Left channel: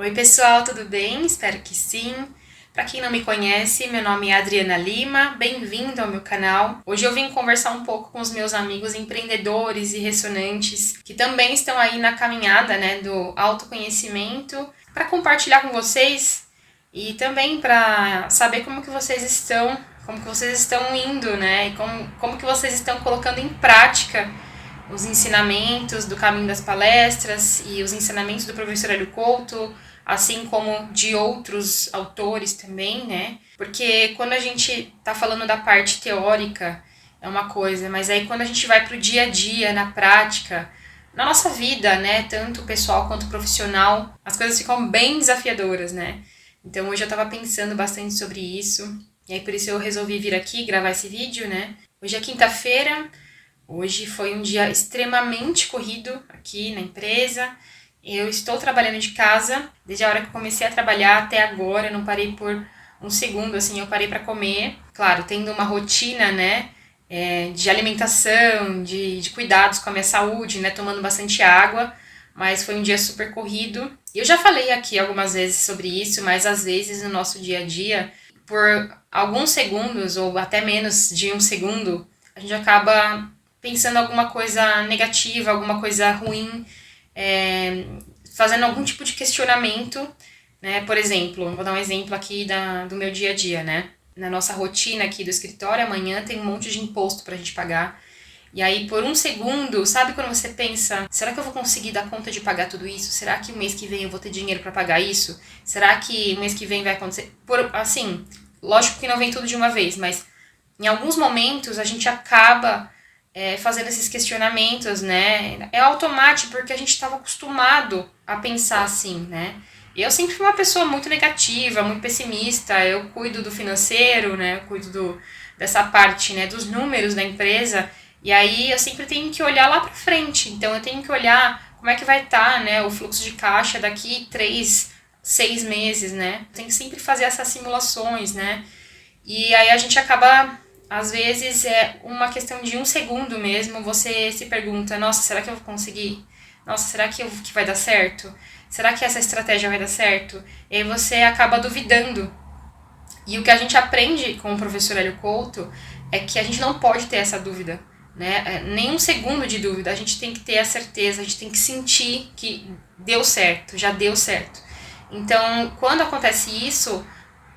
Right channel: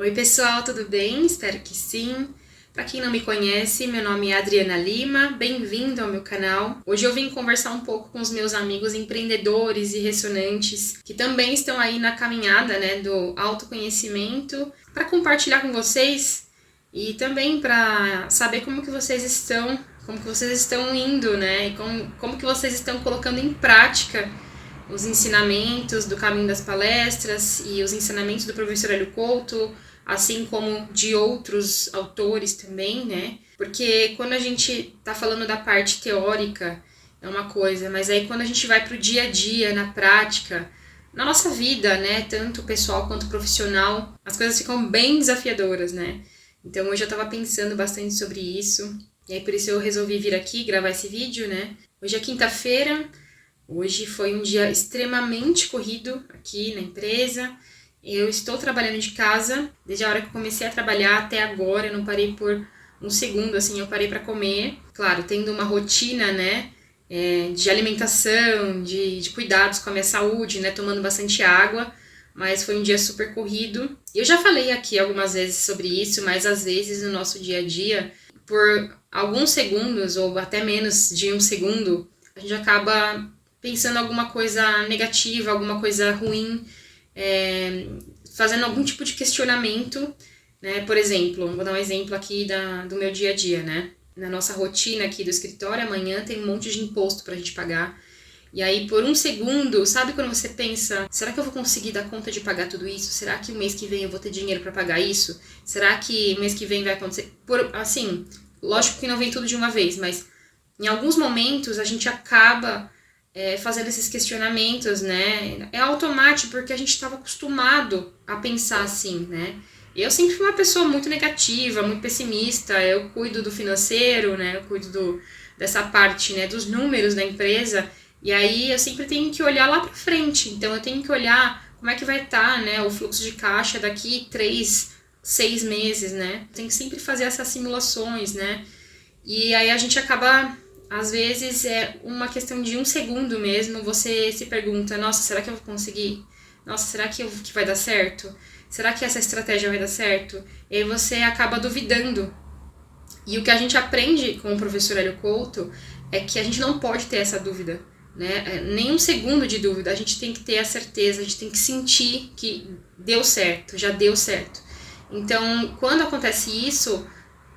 Oi pessoal, tudo bem? Espero que sim. Para quem não me conhece, meu nome é Adriana Lima, bem-vindo ao meu canal. Hoje eu vim conversar um pouco com os meus amigos empreendedores e ressonantes que também estão aí na caminhada, do autoconhecimento, para compartilhar com vocês e também para saber como que vocês estão indo, e como que vocês estão colocando em prática os ensinamentos do Caminho das Palestras e os ensinamentos do professor Hélio Couto, assim como de outros autores também, né? Porque quando a gente tá falando da parte teórica é uma coisa, mas aí quando a gente vai pro dia a dia, na prática, na nossa vida, né, tanto pessoal quanto profissional, as coisas ficam bem desafiadoras, né? Então hoje eu tava pensando bastante sobre isso, e aí por isso eu resolvi vir aqui gravar esse vídeo, né? Hoje é quinta-feira. Hoje foi um dia extremamente corrido aqui na empresa. Eu estou trabalhando de casa, desde a hora que eu comecei a trabalhar até agora, eu não parei por um segundo, assim, eu parei para comer. Claro, tendo uma rotina, de alimentação, de cuidados com a minha saúde, né, tomando bastante água, mas foi um dia super corrido. Eu já falei aqui algumas vezes sobre isso, mas às vezes no nosso dia a dia, por alguns segundos ou até menos de um segundo, a gente acaba pensando alguma coisa negativa, alguma coisa ruim, fazendo algum tipo de questionamento, né? Por exemplo, vou dar um exemplo aqui do meu dia a dia, né? Na nossa rotina aqui do escritório, amanhã tem um monte de imposto pra gente pagar. E aí, por um segundo, sabe quando você pensa, será que eu vou conseguir dar conta de pagar tudo isso? Será que o mês que vem eu vou ter dinheiro pra pagar isso? Será que o mês que vem vai acontecer? Assim, lógico que não vem tudo de uma vez, mas em alguns momentos a gente acaba fazendo esses questionamentos, né? É automático porque a gente estava acostumado a pensar assim, né? Eu sempre fui uma pessoa muito negativa, muito pessimista. Eu cuido do financeiro, né? Eu cuido dessa parte, né? Dos números da empresa. E aí eu sempre tenho que olhar lá para frente. Então eu tenho que olhar como é que vai estar, né? O fluxo de caixa daqui 3, 6 meses, né? Tem que sempre fazer essas simulações, né? E aí a gente acaba, às vezes, é uma questão de um segundo mesmo, você se pergunta, nossa, será que eu vou conseguir? Nossa, será que vai dar certo? Será que essa estratégia vai dar certo? E aí você acaba duvidando. E o que a gente aprende com o professor Hélio Couto é que a gente não pode ter essa dúvida, né? Nem um segundo de dúvida, a gente tem que ter a certeza, a gente tem que sentir que deu certo, já deu certo. Então, quando acontece isso,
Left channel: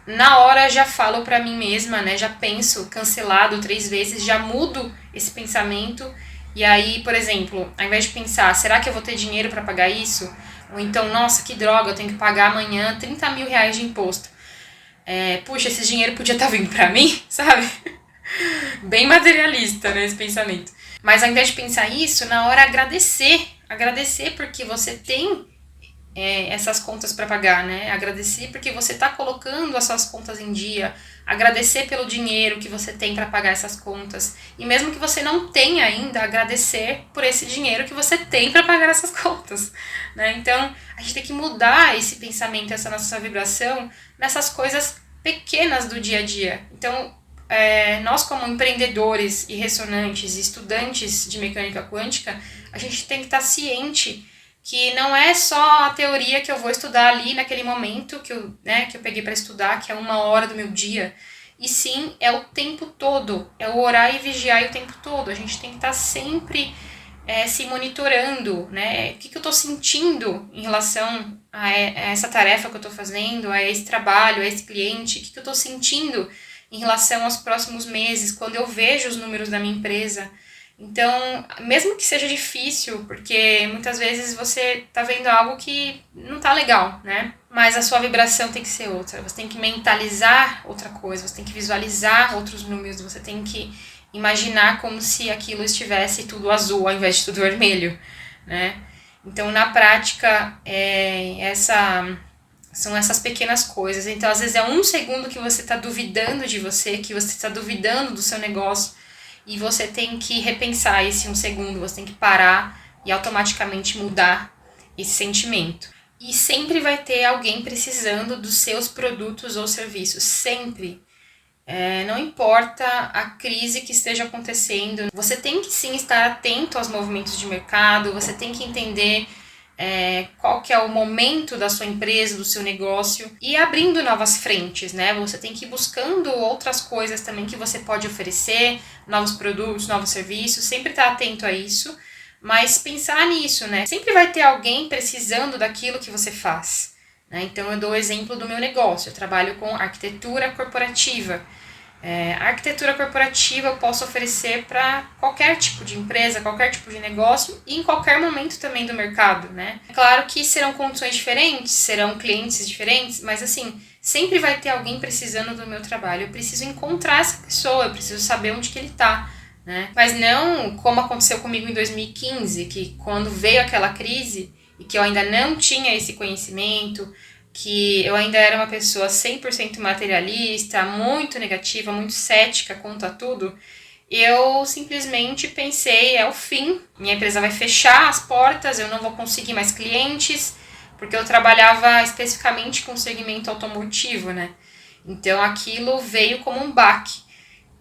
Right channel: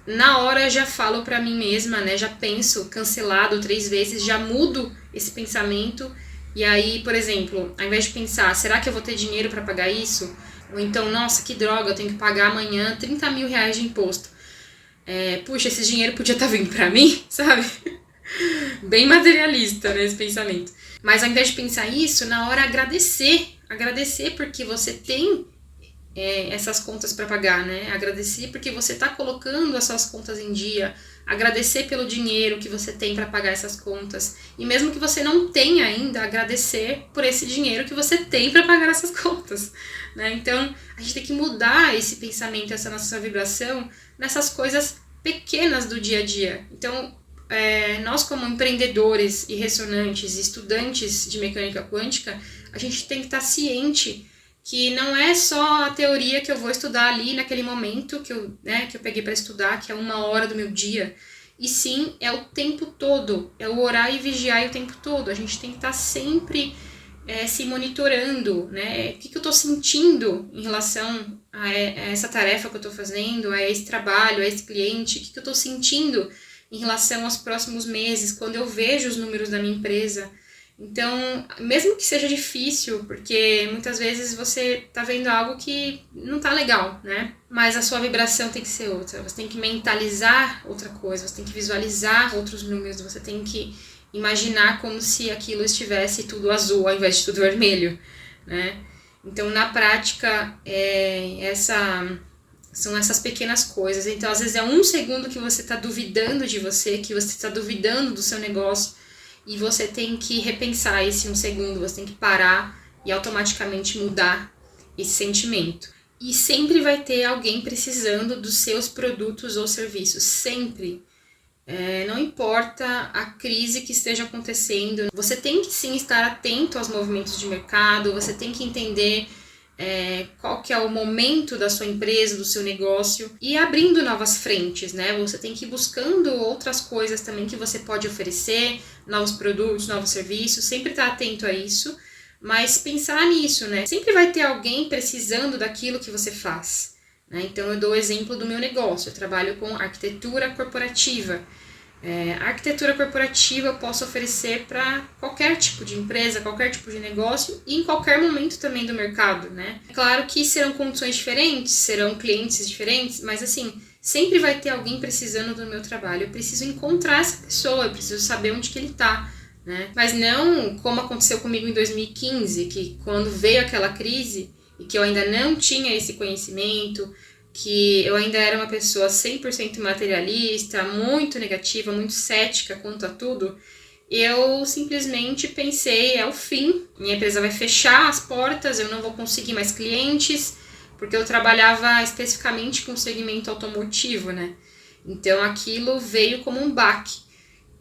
na hora já falo pra mim mesma, né? Já penso cancelado 3 vezes, já mudo esse pensamento. E aí, por exemplo, ao invés de pensar, será que eu vou ter dinheiro pra pagar isso? Ou então, nossa, que droga, eu tenho que pagar amanhã 30 mil reais de imposto. Puxa, esse dinheiro podia estar vindo pra mim, sabe? Bem materialista, né, esse pensamento. Mas ao invés de pensar isso, na hora agradecer. Agradecer porque você tem essas contas para pagar, né? Agradecer porque você está colocando as suas contas em dia, agradecer pelo dinheiro que você tem para pagar essas contas e mesmo que você não tenha ainda, agradecer por esse dinheiro que você tem para pagar essas contas, né? Então a gente tem que mudar esse pensamento, essa nossa vibração nessas coisas pequenas do dia a dia. Então nós como empreendedores e ressonantes e estudantes de mecânica quântica, a gente tem que estar ciente que não é só a teoria que eu vou estudar ali naquele momento que eu peguei para estudar, que é 1 hora do meu dia, e sim é o tempo todo, é o orar e vigiar o tempo todo. A gente tem que estar sempre se monitorando, né? O que eu estou sentindo em relação a essa tarefa que eu estou fazendo, a esse trabalho, a esse cliente, o que eu estou sentindo em relação aos próximos meses, quando eu vejo os números da minha empresa. Então, mesmo que seja difícil, porque muitas vezes você tá vendo algo que não tá legal, né? Mas a sua vibração tem que ser outra. Você tem que mentalizar outra coisa, você tem que visualizar outros números, você tem que imaginar como se aquilo estivesse tudo azul ao invés de tudo vermelho, né? Então, na prática, são essas pequenas coisas. Então, às vezes é um segundo que você tá duvidando de você, que você tá duvidando do seu negócio, e você tem que repensar esse um segundo, você tem que parar e automaticamente mudar esse sentimento. E sempre vai ter alguém precisando dos seus produtos ou serviços, sempre. Não importa a crise que esteja acontecendo, você tem que sim estar atento aos movimentos de mercado, você tem que entender qual que é o momento da sua empresa, do seu negócio, e abrindo novas frentes, né? Você tem que ir buscando outras coisas também que você pode oferecer, novos produtos, novos serviços, sempre estar atento a isso, mas pensar nisso, né? Sempre vai ter alguém precisando daquilo que você faz, né? Então eu dou o exemplo do meu negócio, eu trabalho com arquitetura corporativa. A arquitetura corporativa eu posso oferecer para qualquer tipo de empresa, qualquer tipo de negócio e em qualquer momento também do mercado, né? Claro que serão condições diferentes, serão clientes diferentes, mas assim, sempre vai ter alguém precisando do meu trabalho. Eu preciso encontrar essa pessoa, eu preciso saber onde que ele está, né? Mas não como aconteceu comigo em 2015, que quando veio aquela crise e que eu ainda não tinha esse conhecimento, que eu ainda era uma pessoa 100% materialista, muito negativa, muito cética quanto a tudo, eu simplesmente pensei, é o fim, minha empresa vai fechar as portas, eu não vou conseguir mais clientes, porque eu trabalhava especificamente com o segmento automotivo, né? Então aquilo veio como um baque.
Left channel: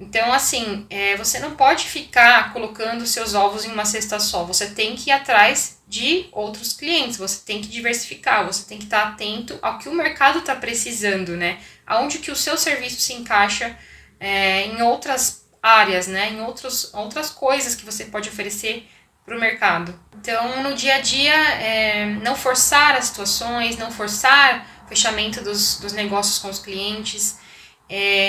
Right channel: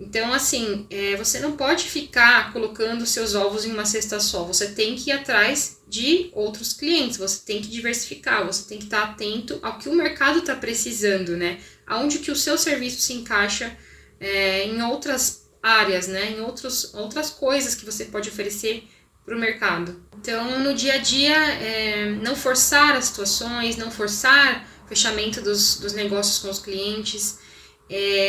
Então, assim, você não pode ficar colocando seus ovos em uma cesta só. Você tem que ir atrás de outros clientes, você tem que diversificar, você tem que estar atento ao que o mercado está precisando, né? Aonde que o seu serviço se encaixa em outras áreas, né? Em outras coisas que você pode oferecer para o mercado. Então, no dia a dia, não forçar as situações, não forçar o fechamento dos negócios com os clientes,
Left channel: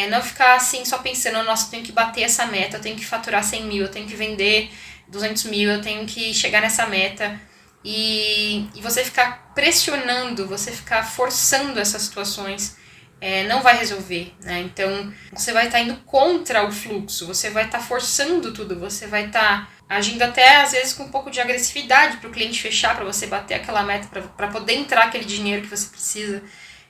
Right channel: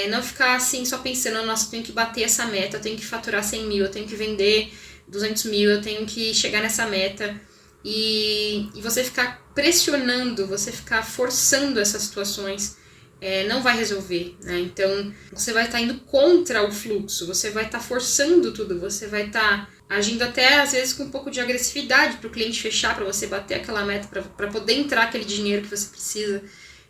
não ficar assim só pensando, nossa, eu tenho que bater essa meta, eu tenho que faturar 100 mil, eu tenho que vender 200 mil, eu tenho que chegar nessa meta. E você ficar pressionando, você ficar forçando essas situações, não vai resolver, né? Então, você vai estar indo contra o fluxo, você vai estar forçando tudo, você vai estar agindo até, às vezes, com um pouco de agressividade para o cliente fechar, para você bater aquela meta, para poder entrar aquele dinheiro que você precisa.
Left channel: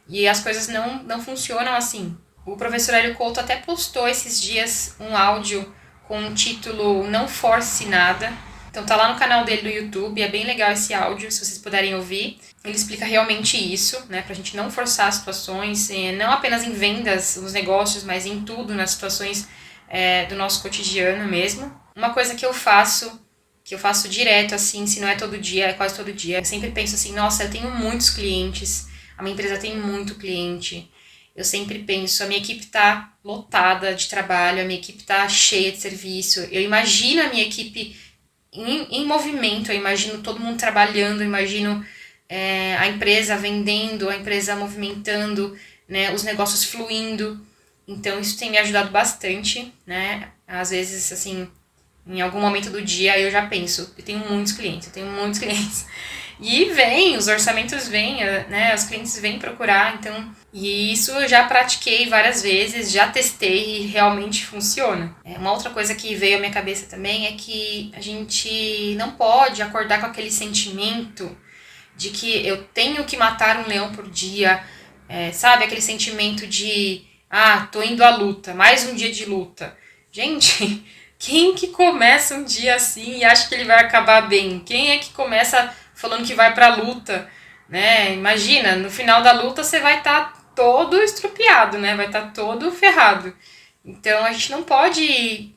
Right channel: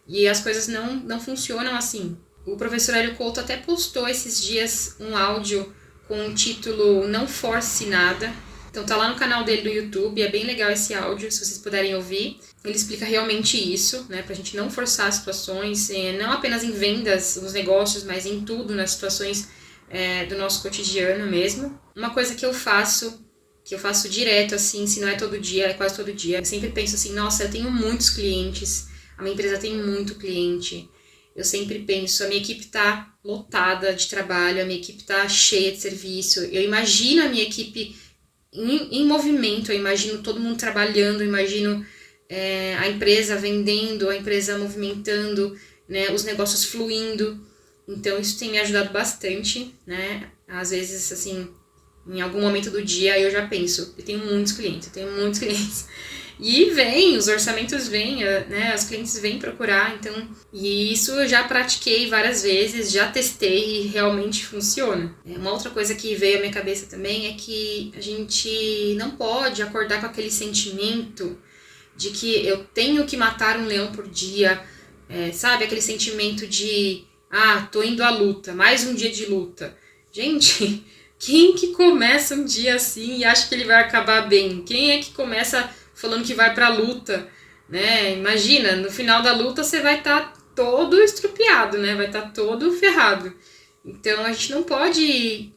E as coisas não funcionam assim. O professor Hélio Couto até postou esses dias um áudio com o título Não Force Nada. Então tá lá no canal dele do YouTube, é bem legal esse áudio, se vocês puderem ouvir. Ele explica realmente isso, né, pra gente não forçar as situações, não apenas em vendas, nos negócios, mas em tudo, nas situações do nosso cotidiano mesmo. Uma coisa que eu faço direto, assim, se não é todo dia, é quase todo dia. Eu sempre penso assim, nossa, eu tenho muitos clientes, a minha empresa tem muito cliente. Eu sempre penso, a minha equipe tá lotada de trabalho, a minha equipe tá cheia de serviço. Eu imagino a minha equipe em movimento, eu imagino todo mundo trabalhando, eu imagino a empresa vendendo, a empresa movimentando, né, os negócios fluindo. Então isso tem me ajudado bastante, né? Às vezes, assim, em algum momento do dia eu já penso, eu tenho muitos clientes. E vem, os orçamentos vêm, né? Os clientes vêm procurar, então... E isso eu já pratiquei várias vezes, já testei e realmente funciona. Uma outra coisa que veio à minha cabeça também é que a gente não pode acordar com aquele sentimento de que eu tenho que matar um leão por dia, sabe? Aquele sentimento de, tô indo à luta, mais um dia de luta. Gente, quem que começa um dia assim e acha que ele vai acabar bem? Quem é que começa falando que vai pra luta, né? Imagina, no final da luta você vai estar todo estrupiado, né? Vai estar todo ferrado. Então a gente não pode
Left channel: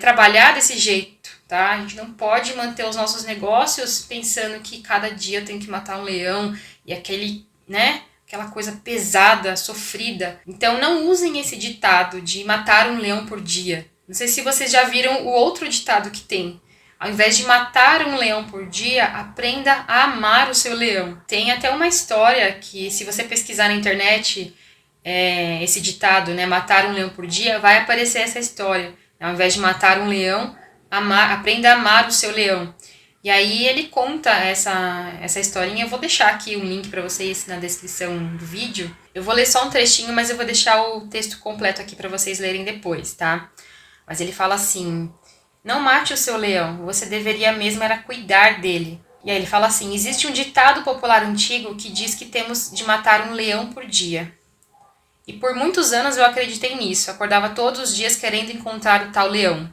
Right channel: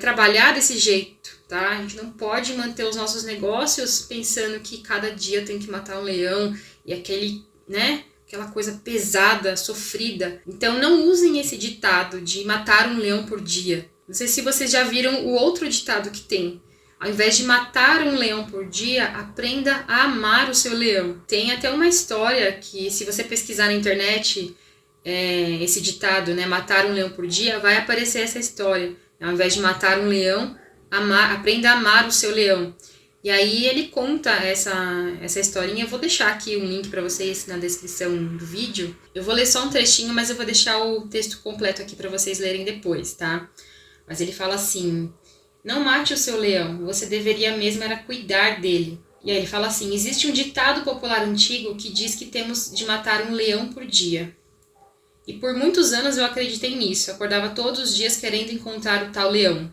trabalhar desse jeito, tá? A gente não pode manter os nossos negócios pensando que cada dia eu tenho que matar um leão e aquela coisa pesada, sofrida. Então não usem esse ditado de matar um leão por dia. Não sei se vocês já viram o outro ditado que tem. Ao invés de matar um leão por dia, aprenda a amar o seu leão. Tem até uma história que, se você pesquisar na internet, esse ditado, né, matar um leão por dia, vai aparecer essa história. Ao invés de matar um leão, aprenda a amar o seu leão. E aí ele conta essa historinha. Eu vou deixar aqui um link para vocês na descrição do vídeo. Eu vou ler só um trechinho, mas eu vou deixar o texto completo aqui para vocês lerem depois, tá? Mas ele fala assim... Não mate o seu leão, você deveria mesmo era cuidar dele. E aí ele fala assim, existe um ditado popular antigo que diz que temos de matar um leão por dia. E por muitos anos eu acreditei nisso, acordava todos os dias querendo encontrar o tal leão.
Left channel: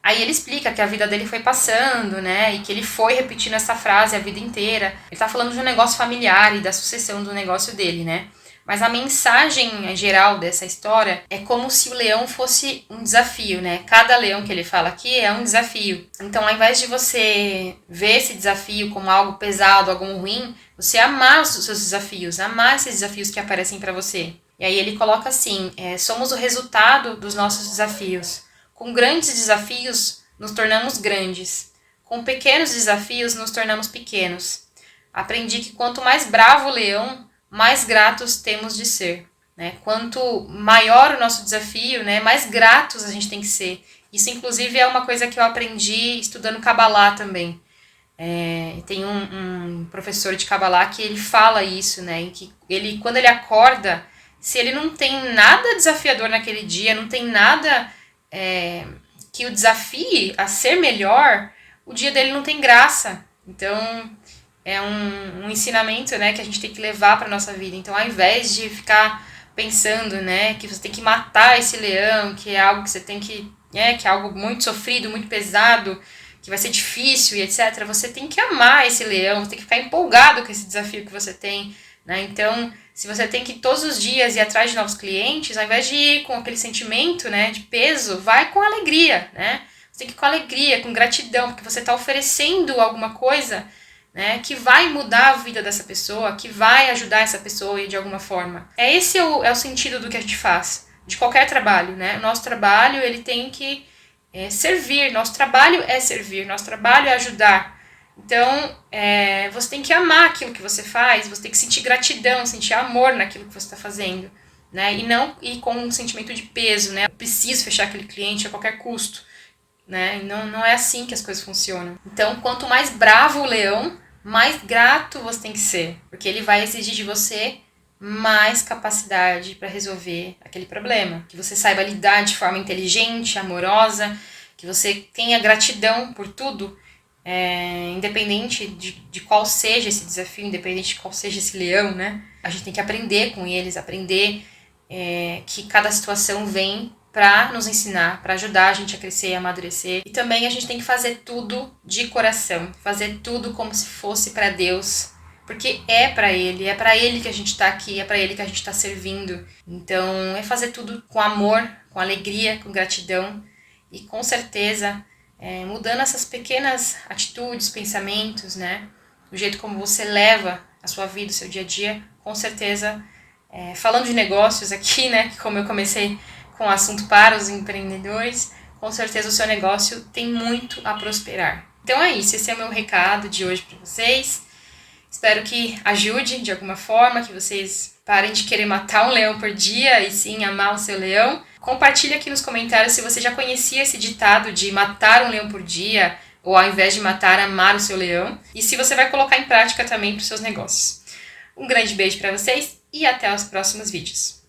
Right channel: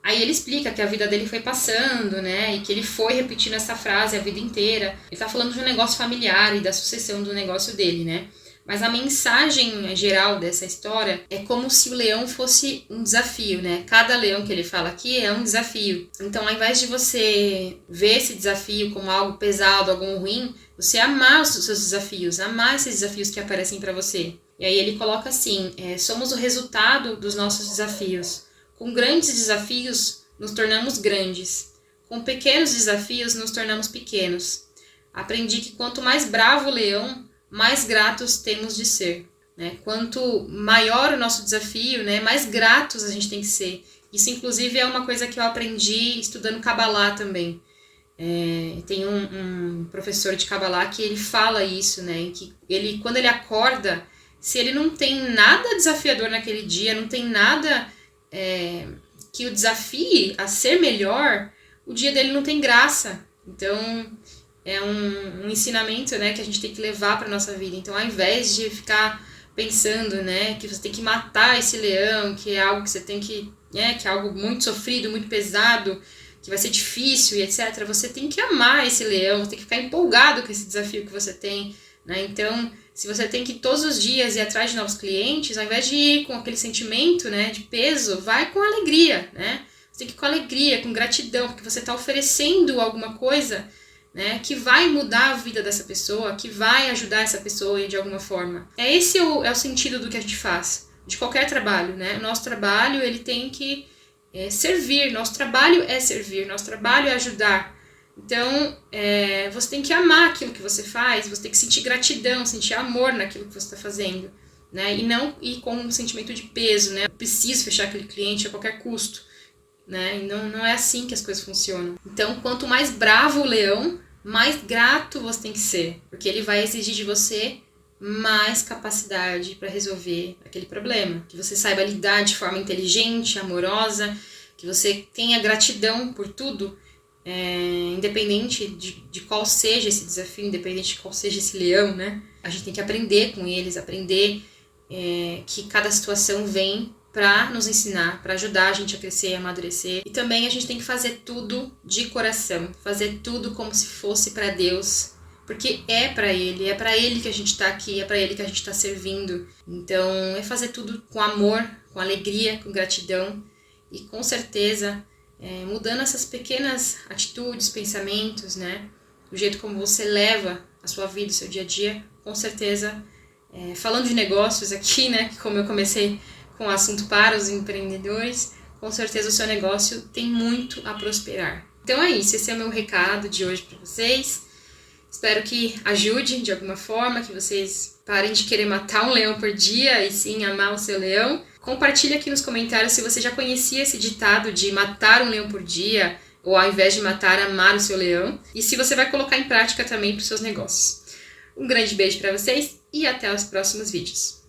Aí ele explica que a vida dele foi passando, né, e que ele foi repetindo essa frase a vida inteira. Ele tá falando de um negócio familiar e da sucessão do negócio dele, né. Mas a mensagem geral dessa história é como se o leão fosse um desafio, né? Cada leão que ele fala aqui é um desafio. Então, ao invés de você ver esse desafio como algo pesado, algo ruim, você amar os seus desafios, amar esses desafios que aparecem para você. E aí ele coloca assim, somos o resultado dos nossos desafios. Com grandes desafios, nos tornamos grandes. Com pequenos desafios, nos tornamos pequenos. Aprendi que quanto mais bravo o leão, mais gratos temos de ser, né? Quanto maior o nosso desafio, né, mais gratos a gente tem que ser. Isso, inclusive, é uma coisa que eu aprendi estudando Kabbalah também. Tem um professor de Kabbalah que ele fala isso, né? Em que ele, quando ele acorda, se ele não tem nada desafiador naquele dia, não tem nada que o desafie a ser melhor, o dia dele não tem graça. Então, é um ensinamento, né, que a gente tem que levar para nossa vida. Então, ao invés de ficar pensando, né, que você tem que matar esse leão, que é algo que você tem que é algo muito sofrido, muito pesado, que vai ser difícil e etc., você tem que amar esse leão, você tem que ficar empolgado com esse desafio que você tem, né? Então, se você tem que todos os dias ir atrás de novos clientes, ao invés de ir com aquele sentimento, né, de peso, vai com alegria, né? Você tem que ir com alegria, com gratidão, porque você está oferecendo alguma coisa, né, que vai mudar a vida dessa pessoa, que vai ajudar essa pessoa de alguma forma. Esse é o sentido do que a gente faz, de qualquer trabalho, né? O nosso trabalho, ele tem que servir, nosso trabalho é servir, nosso trabalho é ajudar. Então, você tem que amar aquilo que você faz, você tem que sentir gratidão, sentir amor naquilo que você está fazendo, né? E não ir com um sentimento de peso, né? Eu preciso fechar aquele cliente a qualquer custo, né? Não é assim que as coisas funcionam. Então, quanto mais bravo o leão, mais grato você tem que ser, porque ele vai exigir de você mais capacidade para resolver aquele problema, que você saiba lidar de forma inteligente, amorosa, que você tenha gratidão por tudo, independente de qual seja esse desafio, independente de qual seja esse leão, né? A gente tem que aprender com eles, aprender que cada situação vem para nos ensinar, para ajudar a gente a crescer e amadurecer. E também a gente tem que fazer tudo de coração, fazer tudo como se fosse para Deus, porque é para Ele que a gente está aqui, é para Ele que a gente está servindo. Então, é fazer tudo com amor, com alegria, com gratidão e com certeza mudando essas pequenas atitudes, pensamentos, né? O jeito como você leva a sua vida, o seu dia a dia, com certeza, falando de negócios aqui, né? Como eu comecei com o assunto para os empreendedores, com certeza o seu negócio tem muito a prosperar. Então é isso, esse é o meu recado de hoje para vocês. Espero que ajude de alguma forma, que vocês parem de querer matar um leão por dia e sim amar o seu leão. Compartilhe aqui nos comentários se você já conhecia esse ditado de matar um leão por dia, ou ao invés de matar, amar o seu leão. E se você vai colocar em prática também para os seus negócios. Um grande beijo para vocês e até os próximos vídeos.